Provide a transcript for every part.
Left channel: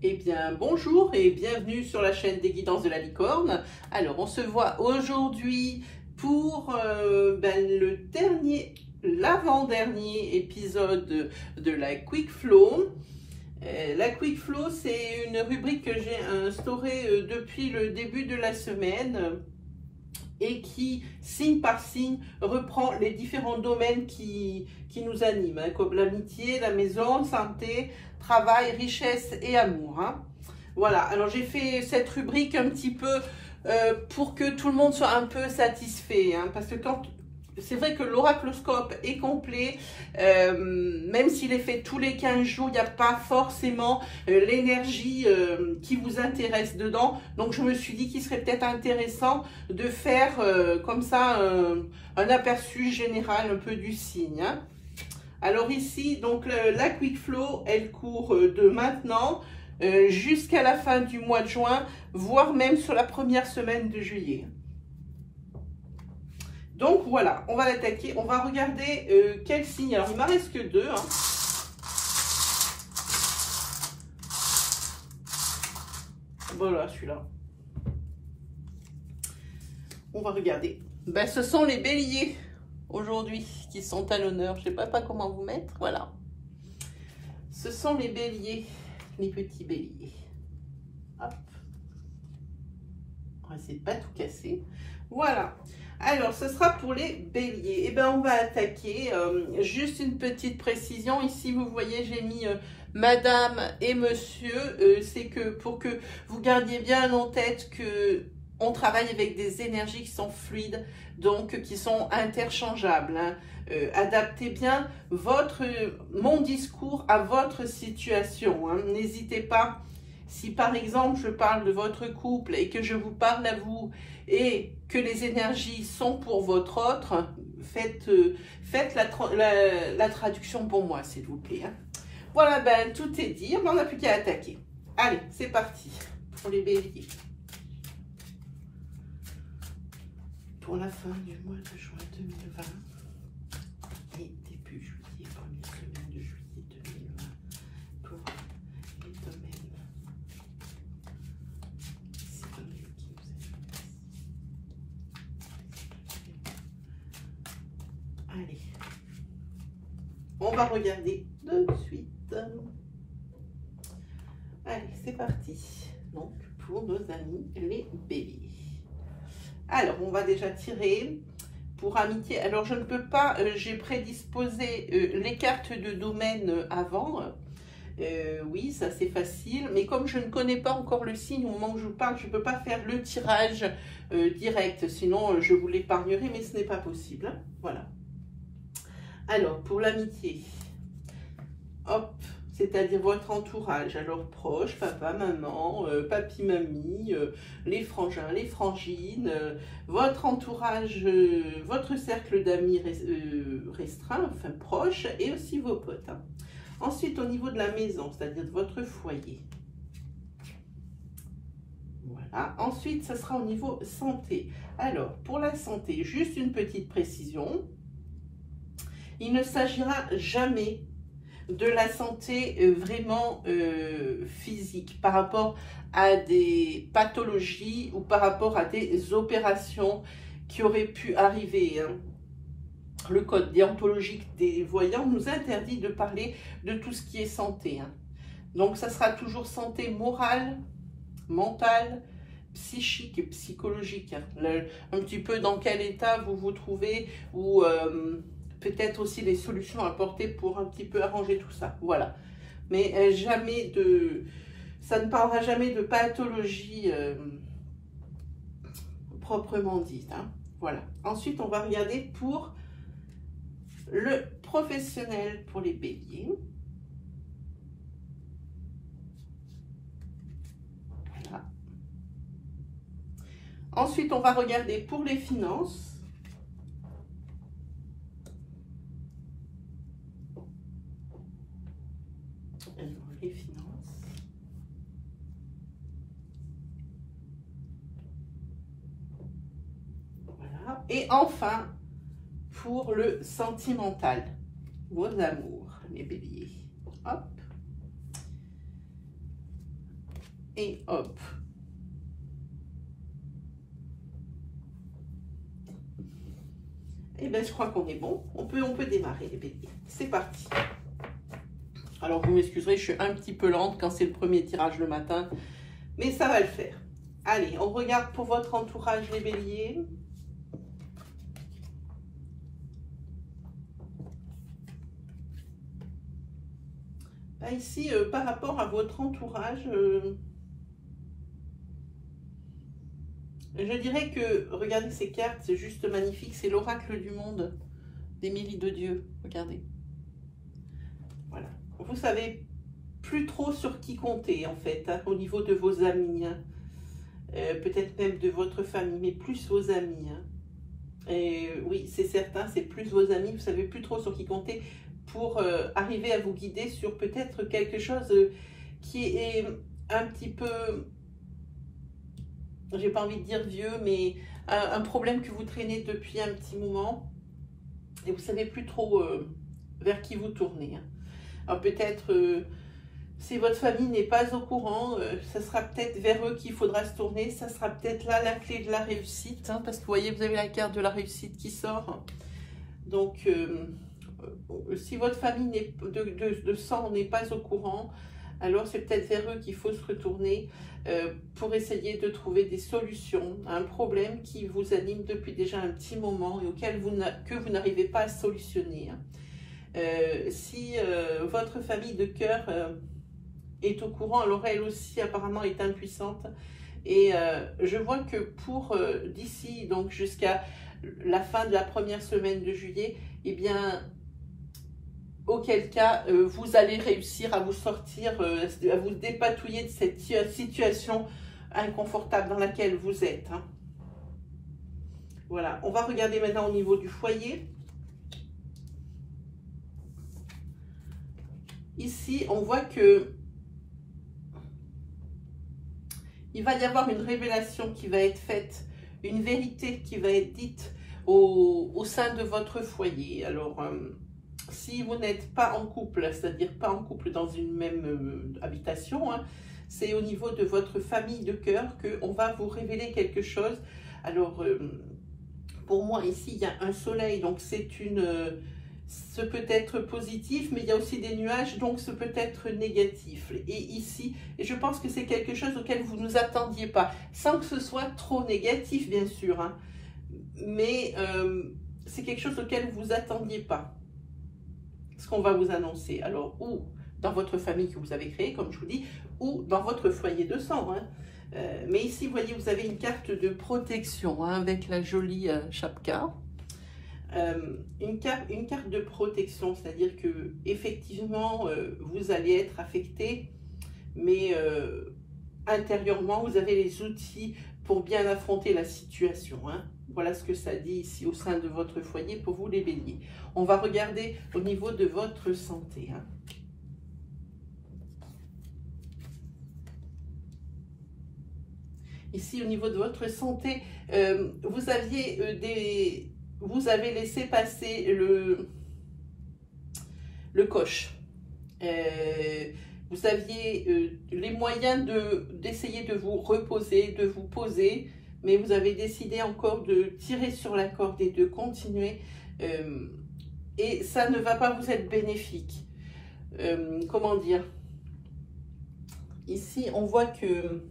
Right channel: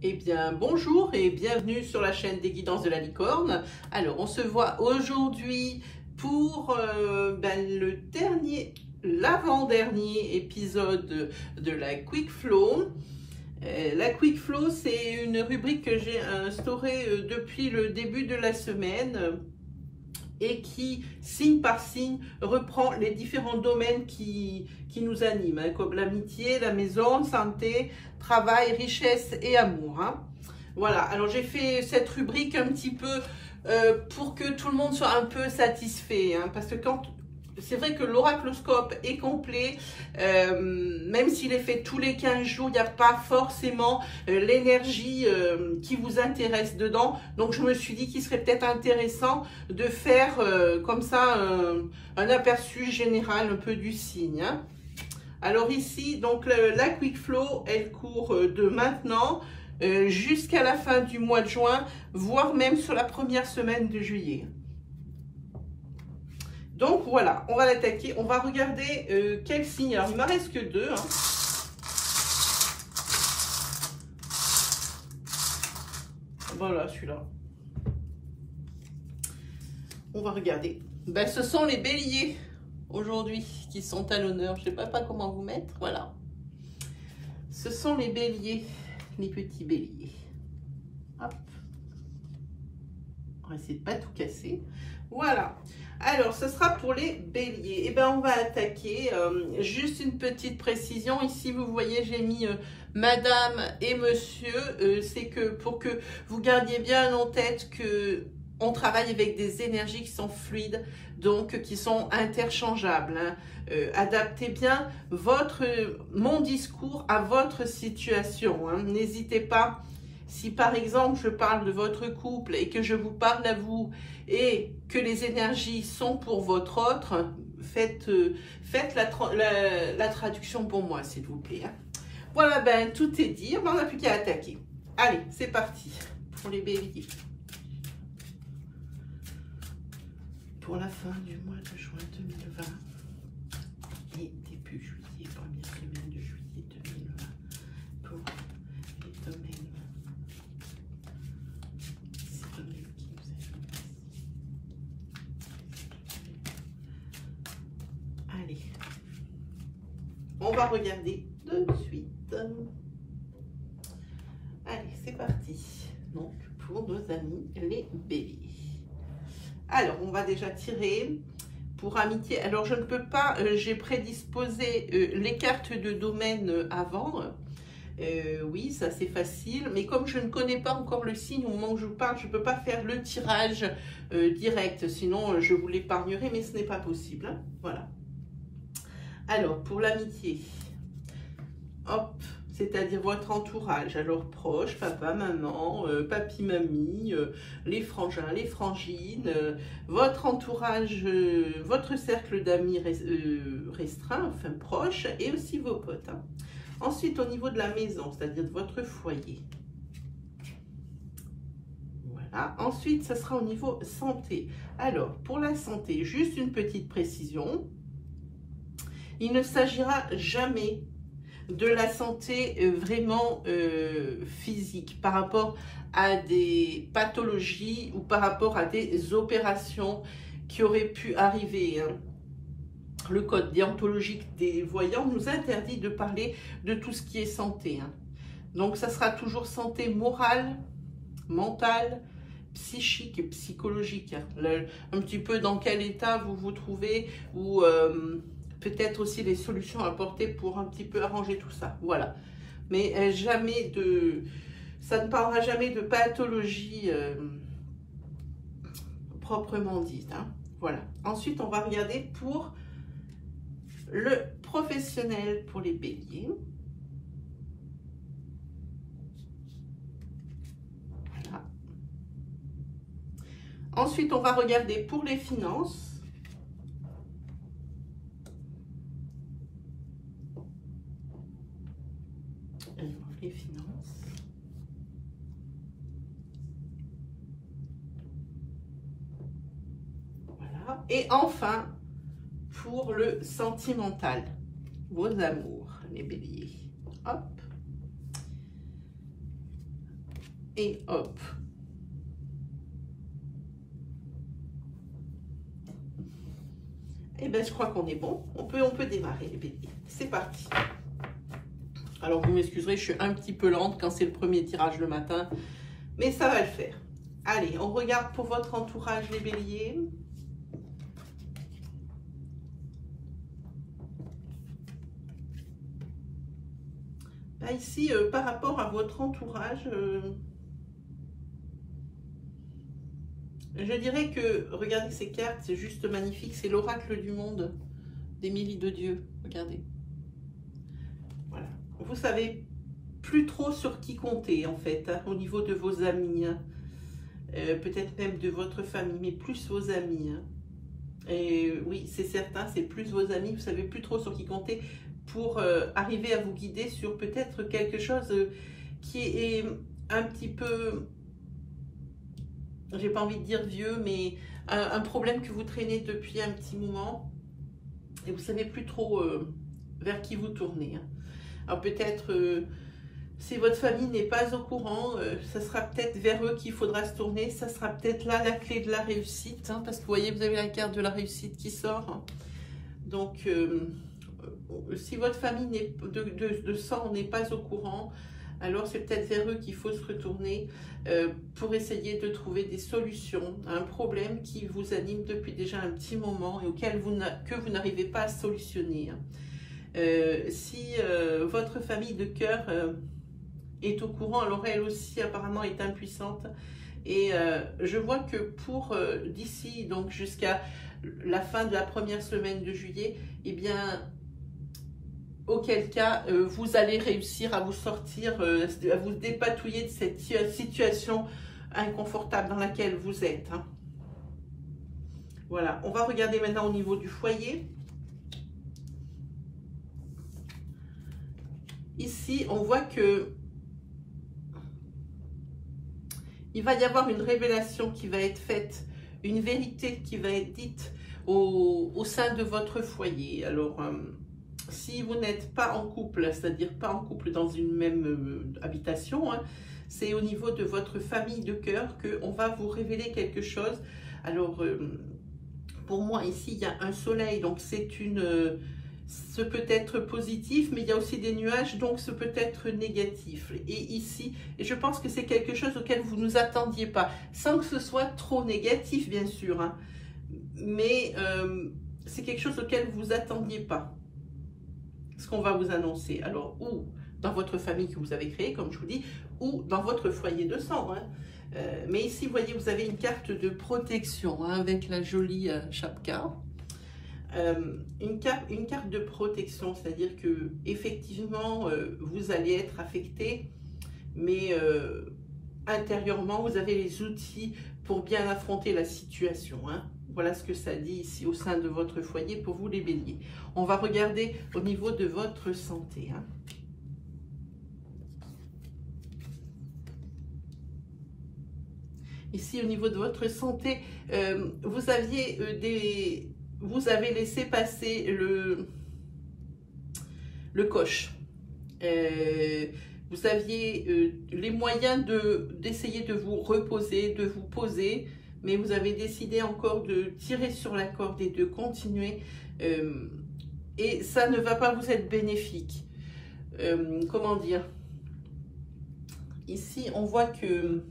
Eh bien, bonjour et bienvenue sur la chaîne des Guidances de la Licorne. Alors, on se voit aujourd'hui pour l'avant-dernier épisode de la Quick Flow. La Quick Flow, c'est une rubrique que j'ai instaurée depuis le début de la semaine et qui, signe par signe, reprend les différents domaines qui nous animent, hein, comme l'amitié, la maison, santé, travail, richesse et amour. Hein. Voilà, alors j'ai fait cette rubrique un petit peu pour que tout le monde soit un peu satisfait, hein, parce que quand c'est vrai que l'oracloscope est complet, même s'il est fait tous les 15 jours, il n'y a pas forcément l'énergie qui vous intéresse dedans. Donc je me suis dit qu'il serait peut-être intéressant de faire comme ça un aperçu général un peu du signe. Hein. Alors ici, donc la Quick Flow, elle court de maintenant jusqu'à la fin du mois de juin, voire même sur la première semaine de juillet. Donc voilà, on va l'attaquer, on va regarder quel signe. Alors il ne m'en reste que deux. Hein. Voilà, celui-là. On va regarder. Ben, ce sont les béliers aujourd'hui qui sont à l'honneur. Je ne sais pas comment vous mettre. Voilà. Ce sont les béliers, les petits béliers. Hop. On va essayer de ne pas tout casser. Voilà. Alors, ce sera pour les béliers. Eh bien, on va attaquer. Juste une petite précision. Ici, vous voyez, j'ai mis madame et monsieur. C'est que pour que vous gardiez bien en tête que on travaille avec des énergies qui sont fluides, donc qui sont interchangeables. Hein. Adaptez bien mon discours à votre situation. Hein. N'hésitez pas. Si par exemple je parle de votre couple et que je vous parle à vous et que les énergies sont pour votre autre, faites la traduction pour moi s'il vous plaît. Hein. Voilà, ben tout est dit, on n'a plus qu'à attaquer. Allez, c'est parti pour les béliers. Pour la fin du mois de juin 2020 et début juillet, première semaine de juillet 2020 pour les domaines. Allez, on va regarder de suite. Allez, c'est parti. Donc, pour nos amis les béliers. Alors, on va déjà tirer pour amitié. Alors, je ne peux pas, j'ai prédisposé les cartes de domaine avant. Oui, ça c'est facile, mais comme je ne connais pas encore le signe au moment où je parle, je ne peux pas faire le tirage direct, sinon je vous l'épargnerai, mais ce n'est pas possible. Hein. Voilà. Alors, pour l'amitié, hop, c'est-à-dire votre entourage, alors proche, papa, maman, papi, mamie, les frangins, les frangines, votre entourage, votre cercle d'amis restreint, enfin proche, et aussi vos potes. Hein. Ensuite, au niveau de la maison, c'est-à-dire de votre foyer. Voilà. Ensuite, ça sera au niveau santé. Alors, pour la santé, juste une petite précision. Il ne s'agira jamais de la santé vraiment physique par rapport à des pathologies ou par rapport à des opérations qui auraient pu arriver. Hein. Le code déontologique des voyants nous interdit de parler de tout ce qui est santé. Hein. Donc, ça sera toujours santé morale, mentale, psychique et psychologique. Hein. Un petit peu dans quel état vous vous trouvez ou peut-être aussi les solutions à apporter pour un petit peu arranger tout ça. Voilà. Mais jamais de... Ça ne parlera jamais de pathologie proprement dite. Hein. Voilà. Ensuite, on va regarder pour le professionnel pour les béliers. Voilà. Ensuite, on va regarder pour les finances. Alors, les finances. Voilà. Et enfin, pour le sentimental, vos amours, les béliers. Hop. Et hop. Et bien, je crois qu'on est bon. On peut démarrer les béliers. C'est parti. Alors, vous m'excuserez, je suis un petit peu lente quand c'est le premier tirage le matin. Mais ça va le faire. Allez, on regarde pour votre entourage les béliers. Là, ici, par rapport à votre entourage, je dirais que, regardez ces cartes, c'est juste magnifique. C'est l'oracle du monde d'Émilie de Dieu. Regardez. Voilà. Vous savez plus trop sur qui compter, en fait, hein, au niveau de vos amis. Hein. Peut-être même de votre famille, mais plus vos amis. Hein. Et oui, c'est certain, c'est plus vos amis. Vous savez plus trop sur qui compter pour arriver à vous guider sur peut-être quelque chose qui est un petit peu... J'ai pas envie de dire vieux, mais un problème que vous traînez depuis un petit moment et vous savez plus trop vers qui vous tournez. Hein. Alors peut-être, si votre famille n'est pas au courant, ça sera peut-être vers eux qu'il faudra se tourner. Ça sera peut-être là la clé de la réussite, hein, parce que vous voyez, vous avez la carte de la réussite qui sort. Hein. Donc, si votre famille de sang n'est pas au courant, alors c'est peut-être vers eux qu'il faut se retourner pour essayer de trouver des solutions à un problème qui vous anime depuis déjà un petit moment et auquel vous n'arrivez pas à solutionner. Si votre famille de cœur est au courant, alors elle aussi apparemment est impuissante. Et je vois que pour d'ici donc jusqu'à la fin de la première semaine de juillet, eh bien, auquel cas, vous allez réussir à vous sortir, à vous dépatouiller de cette situation inconfortable dans laquelle vous êtes. Hein. Voilà, on va regarder maintenant au niveau du foyer. Ici, on voit que il va y avoir une révélation qui va être faite, une vérité qui va être dite au sein de votre foyer. Alors, si vous n'êtes pas en couple, c'est-à-dire pas en couple dans une même habitation, hein, c'est au niveau de votre famille de cœur qu'on va vous révéler quelque chose. Alors, pour moi, ici, il y a un soleil, donc ce peut être positif, mais il y a aussi des nuages, donc ce peut être négatif. Et ici, je pense que c'est quelque chose auquel vous ne vous attendiez pas, sans que ce soit trop négatif, bien sûr, hein, mais c'est quelque chose auquel vous ne vous attendiez pas. Ce qu'on va vous annoncer, alors, ou dans votre famille que vous avez créée, comme je vous dis, ou dans votre foyer de sang. Hein. Mais ici, vous voyez, vous avez une carte de protection, hein, avec la jolie chapka. Une carte de protection, c'est-à-dire que effectivement, vous allez être affecté, mais intérieurement, vous avez les outils pour bien affronter la situation. Hein. Voilà ce que ça dit ici au sein de votre foyer pour vous les béliers. On va regarder au niveau de votre santé. Hein. Ici, au niveau de votre santé, vous avez laissé passer le coche. Vous aviez les moyens d'essayer de vous reposer, de vous poser, mais vous avez décidé encore de tirer sur la corde et de continuer. Et ça ne va pas vous être bénéfique. Comment dire? Ici, on voit que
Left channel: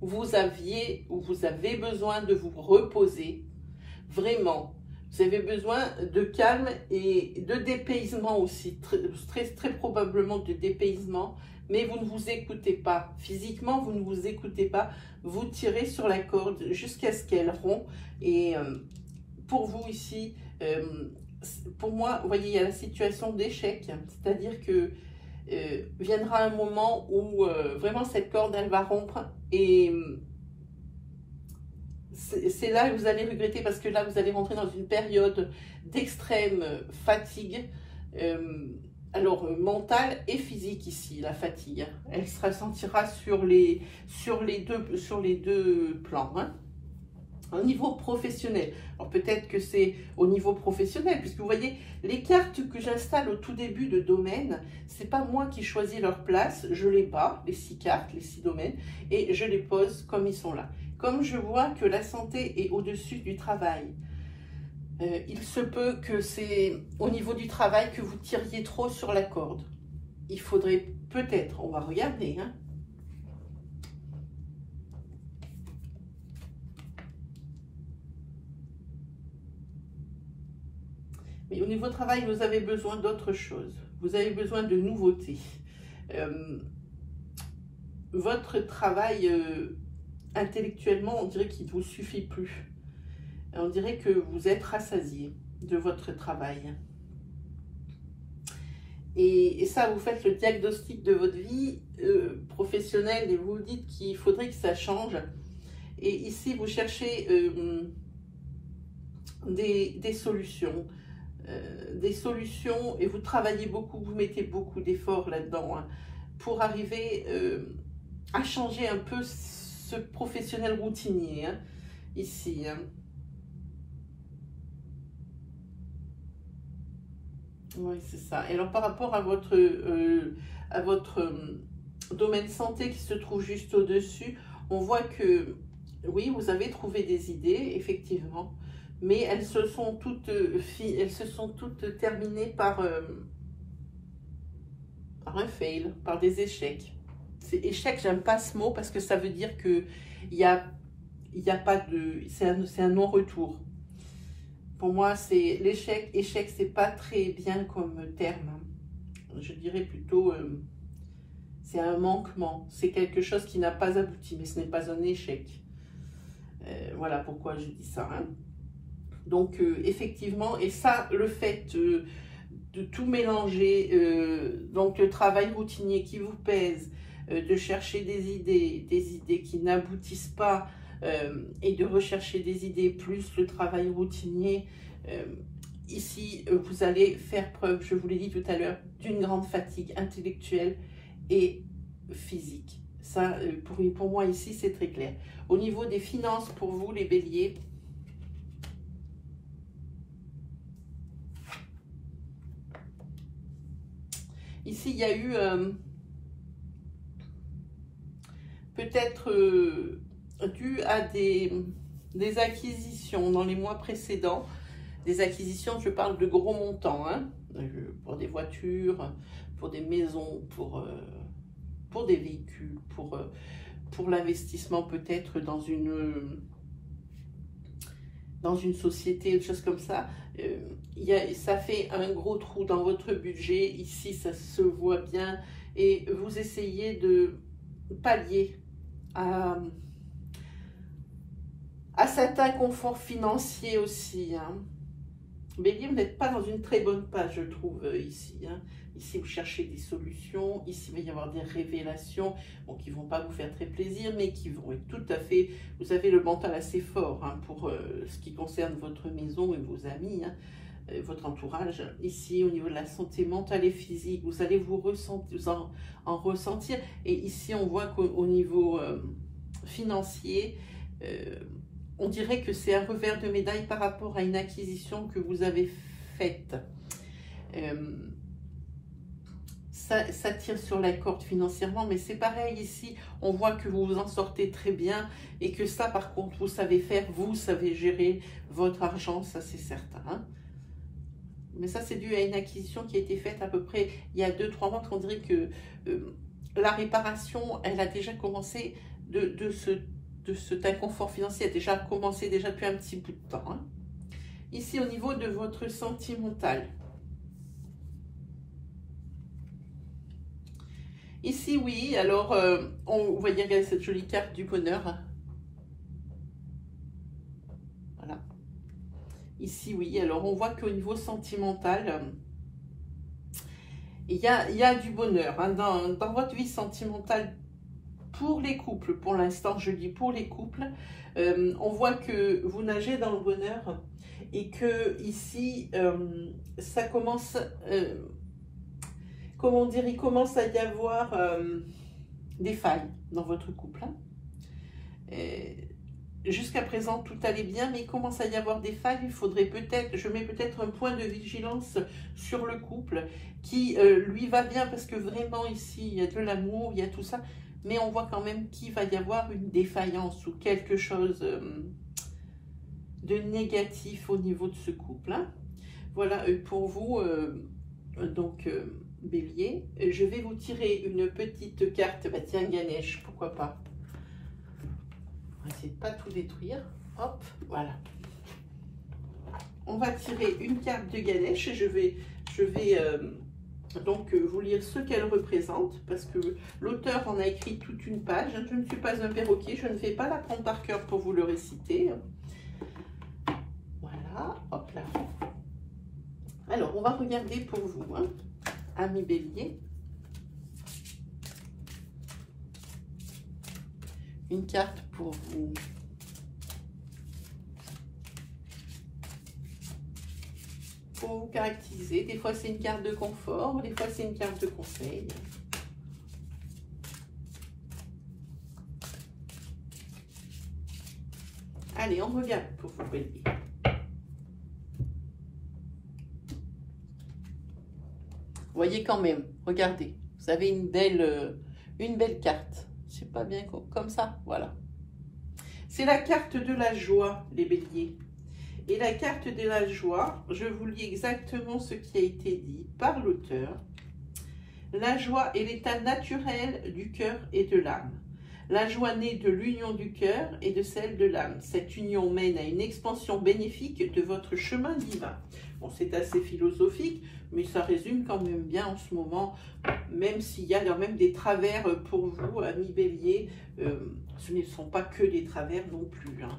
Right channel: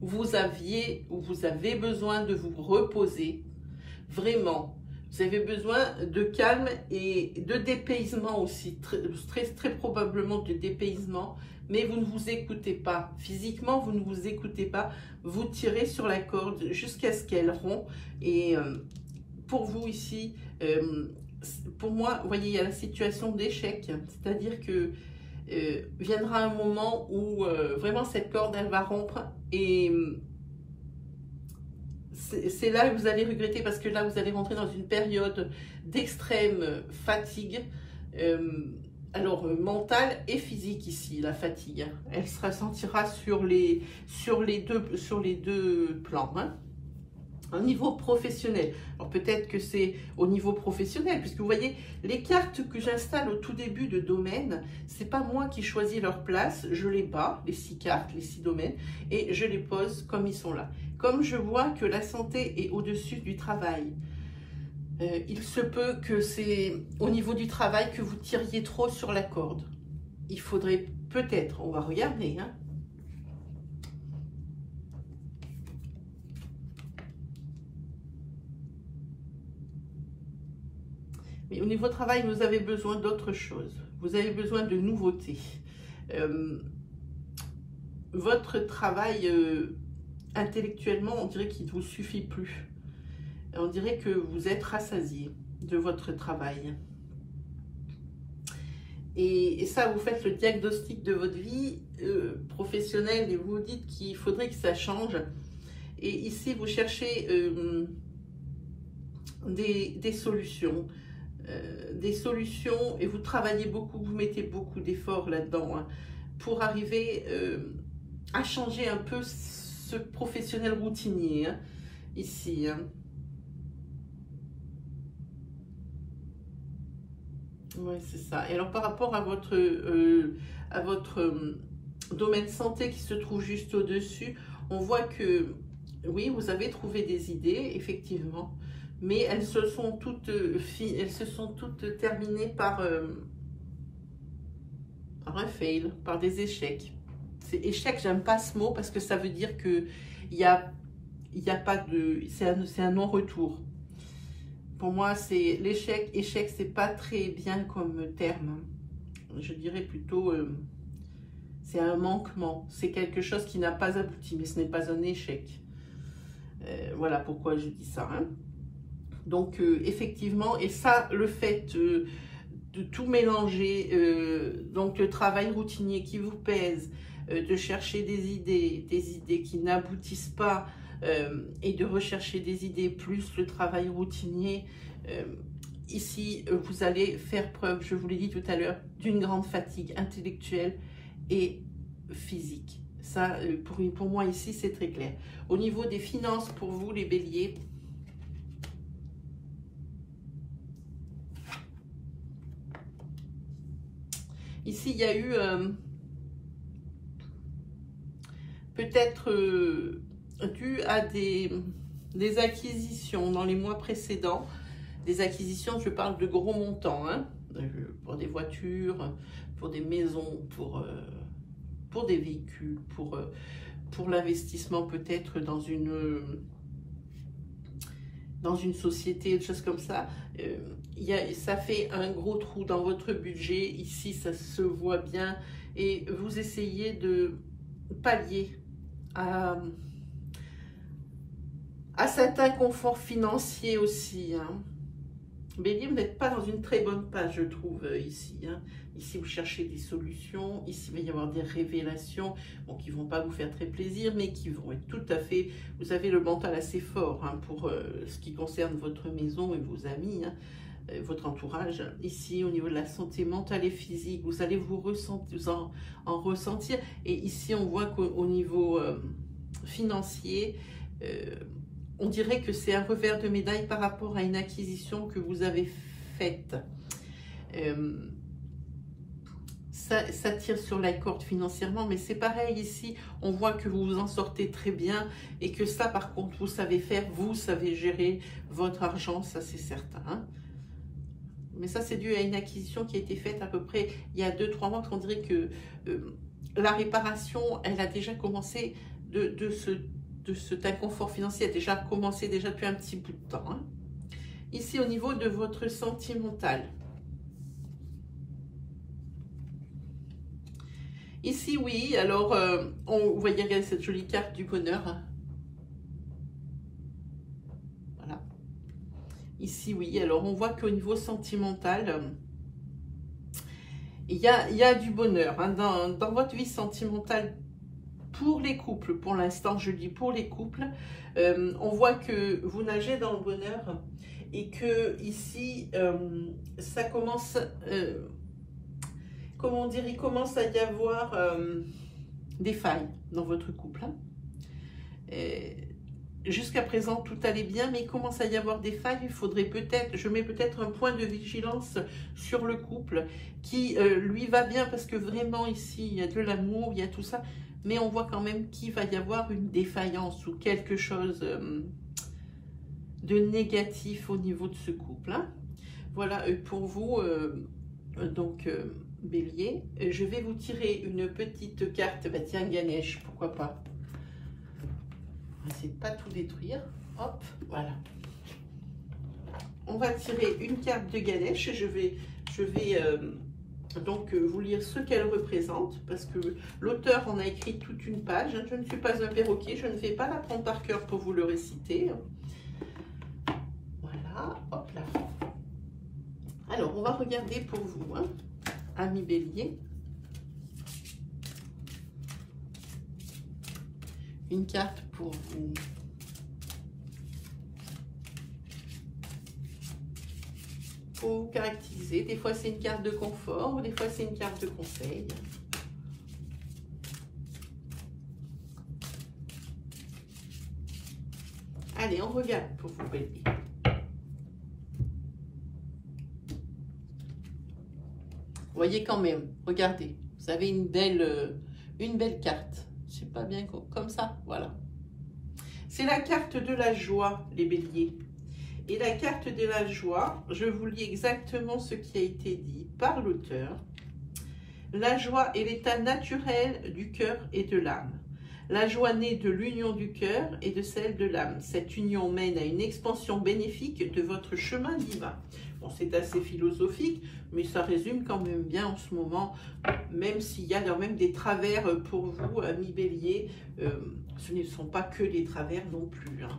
vous avez besoin de vous reposer. Vraiment, vous avez besoin de calme et de dépaysement aussi, très probablement de dépaysement, mais vous ne vous écoutez pas. Physiquement, vous ne vous écoutez pas, vous tirez sur la corde jusqu'à ce qu'elle rompt. Et pour vous ici, pour moi, vous voyez, il y a la situation d'échec, c'est-à-dire que viendra un moment où vraiment cette corde, elle va rompre et... c'est là que vous allez regretter parce que là, vous allez rentrer dans une période d'extrême fatigue, alors mentale et physique ici, la fatigue. Elle se ressentira sur les deux plans. Hein. Au niveau professionnel, alors peut-être que c'est au niveau professionnel, puisque vous voyez, les cartes que j'installe au tout début de domaine, c'est pas moi qui choisis leur place, je les bats, les 6 cartes, les 6 domaines, et je les pose comme ils sont là. Comme je vois que la santé est au-dessus du travail, il se peut que c'est au niveau du travail que vous tiriez trop sur la corde. Il faudrait peut-être, on va regarder, hein. Mais au niveau travail, vous avez besoin d'autre chose. Vous avez besoin de nouveautés. Votre travail intellectuellement, on dirait qu'il ne vous suffit plus. On dirait que vous êtes rassasié de votre travail. Et ça, vous faites le diagnostic de votre vie professionnelle et vous dites qu'il faudrait que ça change. Et ici, vous cherchez des solutions. Des solutions et vous travaillez beaucoup, vous mettez beaucoup d'efforts là-dedans hein, pour arriver à changer un peu ce professionnel routinier hein, ici. Hein. Oui, c'est ça. Et alors par rapport à votre domaine santé qui se trouve juste au-dessus, on voit que oui, vous avez trouvé des idées, effectivement. Mais elles se sont toutes terminées par un fail, par des échecs. Échec, j'aime pas ce mot parce que ça veut dire que y a pas de, c'est un non-retour. Pour moi, c'est l'échec. Échec, c'est pas très bien comme terme. Je dirais plutôt, c'est un manquement. C'est quelque chose qui n'a pas abouti, mais ce n'est pas un échec. Voilà pourquoi je dis ça. Hein. Donc, effectivement, et ça, le fait de tout mélanger, donc le travail routinier qui vous pèse, de chercher des idées qui n'aboutissent pas, et de rechercher des idées plus le travail routinier, ici, vous allez faire preuve, je vous l'ai dit tout à l'heure, d'une grande fatigue intellectuelle et physique. Ça, pour moi, ici, c'est très clair. Au niveau des finances, pour vous, les béliers, ici, il y a eu peut-être dû à des acquisitions dans les mois précédents, des acquisitions, je parle de gros montants, hein, pour des voitures, pour des maisons, pour des véhicules, pour l'investissement peut-être dans une société, des choses comme ça. Ça fait un gros trou dans votre budget, ici ça se voit bien, et vous essayez de pallier à certains conforts financiers aussi. Hein. Bélier, vous n'êtes pas dans une très bonne page, je trouve, ici. Hein. Ici, vous cherchez des solutions. Ici, il va y avoir des révélations bon, qui ne vont pas vous faire très plaisir, mais qui vont être tout à fait... Vous avez le mental assez fort hein, pour ce qui concerne votre maison et vos amis, hein, votre entourage. Ici, au niveau de la santé mentale et physique, vous allez vous en ressentir. Et ici, on voit qu'au niveau financier... on dirait que c'est un revers de médaille par rapport à une acquisition que vous avez faite. Ça tire sur la corde financièrement, mais c'est pareil ici. On voit que vous vous en sortez très bien et que ça, par contre, vous savez faire, vous savez gérer votre argent, ça c'est certain. Hein. Mais ça, c'est dû à une acquisition qui a été faite à peu près il y a 2-3 mois, parce qu'on dirait que la réparation, elle a déjà commencé cet inconfort financier a déjà commencé depuis un petit bout de temps. Hein. Ici, au niveau de votre sentimental. Ici, oui, alors, vous voyez cette jolie carte du bonheur. Voilà. Ici, oui, alors on voit qu'au niveau sentimental, il y a du bonheur. Hein. Dans votre vie sentimentale, pour les couples, pour l'instant, je dis pour les couples, on voit que vous nagez dans le bonheur et que ici, ça commence, comment dire, il commence à y avoir des failles dans votre couple. Hein. jusqu'à présent, tout allait bien, mais il commence à y avoir des failles. Il faudrait peut-être, je mets peut-être un point de vigilance sur le couple qui, lui, va bien parce que vraiment, ici, il y a de l'amour, il y a tout ça. Mais on voit quand même qu'il va y avoir une défaillance ou quelque chose de négatif au niveau de ce couple. Hein. Voilà, pour vous, donc, Bélier. Je vais vous tirer une petite carte. Bah, tiens, Ganesh, pourquoi pas. On va essayer de pas tout détruire. Hop, voilà. On va tirer une carte de Ganesh et je vais donc vous lire ce qu'elle représente parce que l'auteur en a écrit toute une page. Je ne suis pas un perroquet, je ne vais pas l'apprendre par cœur pour vous le réciter. Voilà, hop là. Alors, on va regarder pour vous, hein, ami Bélier. Une carte pour vous. Pour vous caractériser. Des fois, c'est une carte de confort, des fois, c'est une carte de conseil. Allez, on regarde pour vous, Bélier. Vous voyez quand même, regardez, vous avez une belle carte. C'est pas bien comme ça, voilà. C'est la carte de la joie, les béliers. Et la carte de la joie, je vous lis exactement ce qui a été dit par l'auteur. La joie est l'état naturel du cœur et de l'âme. La joie naît de l'union du cœur et de celle de l'âme. Cette union mène à une expansion bénéfique de votre chemin divin. Bon, c'est assez philosophique, mais ça résume quand même bien en ce moment, même s'il y a quand même des travers pour vous, amis béliers. Ce ne sont pas que des travers non plus. Hein.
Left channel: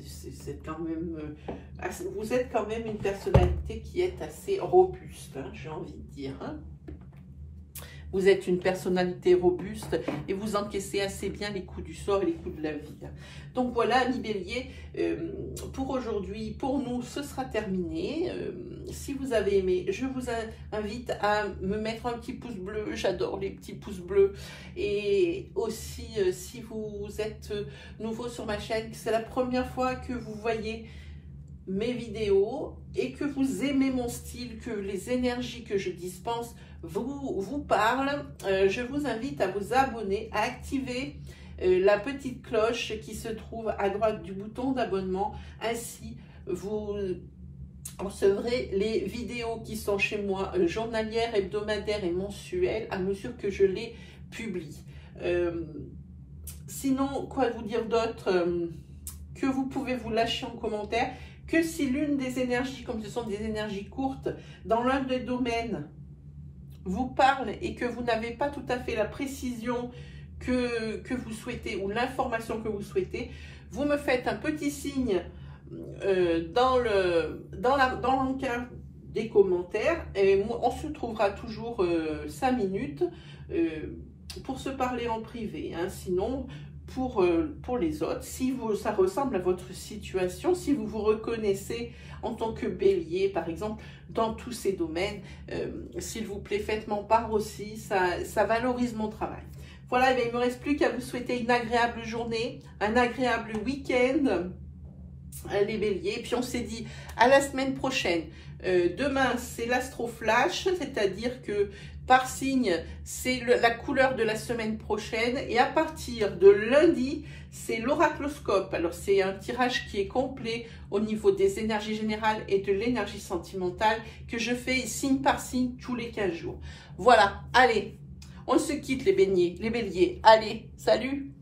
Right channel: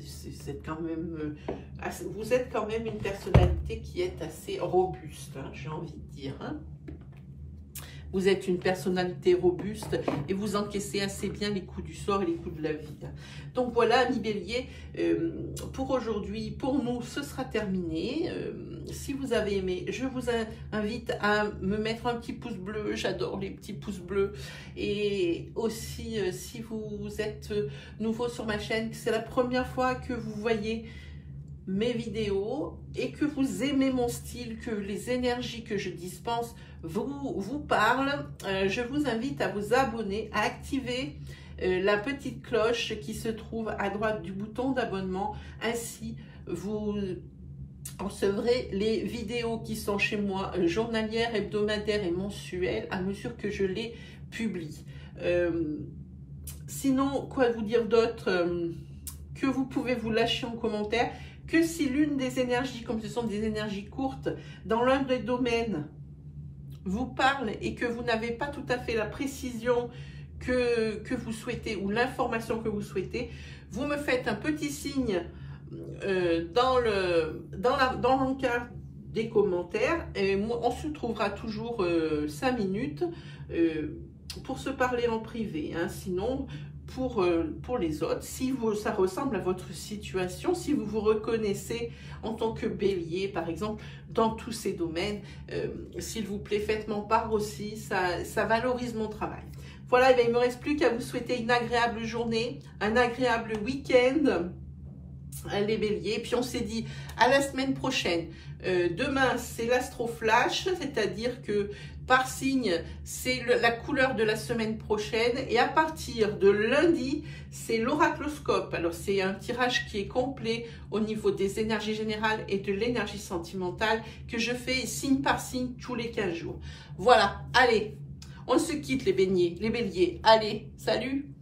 C'est quand même, vous êtes quand même une personnalité qui est assez robuste, hein, j'ai envie de dire. Hein. Vous êtes une personnalité robuste et vous encaissez assez bien les coups du sort et les coups de la vie. Donc voilà, amis béliers, pour aujourd'hui, pour nous, ce sera terminé. Si vous avez aimé, je vous invite à me mettre un petit pouce bleu. J'adore les petits pouces bleus. Et aussi, si vous êtes nouveau sur ma chaîne, c'est la première fois que vous voyez mes vidéos et que vous aimez mon style, que les énergies que je dispense vous parlent, je vous invite à vous abonner, à activer la petite cloche qui se trouve à droite du bouton d'abonnement. Ainsi, vous recevrez les vidéos qui sont chez moi journalières, hebdomadaires et mensuelles à mesure que je les publie. Sinon, quoi vous dire d'autre que vous pouvez vous lâcher en commentaire, que si l'une des énergies, comme ce sont des énergies courtes, dans l'un des domaines, vous parle et que vous n'avez pas tout à fait la précision que vous souhaitez ou l'information que vous souhaitez, vous me faites un petit signe dans l'encart des commentaires et on se trouvera toujours 5 minutes pour se parler en privé. Hein. Sinon, pour les autres, si ça ressemble à votre situation, si vous vous reconnaissez en tant que bélier, par exemple, dans tous ces domaines, s'il vous plaît, faites-moi part aussi, ça valorise mon travail. Voilà, il ne me reste plus qu'à vous souhaiter une agréable journée, un agréable week-end, les béliers. Et puis on s'est dit à la semaine prochaine. Demain, c'est l'astro-flash, c'est-à-dire que par signe, c'est la couleur de la semaine prochaine. Et à partir de lundi, c'est l'oracloscope. Alors, c'est un tirage qui est complet au niveau des énergies générales et de l'énergie sentimentale que je fais signe par signe tous les 15 jours. Voilà, allez, on se quitte les béliers. Allez, salut!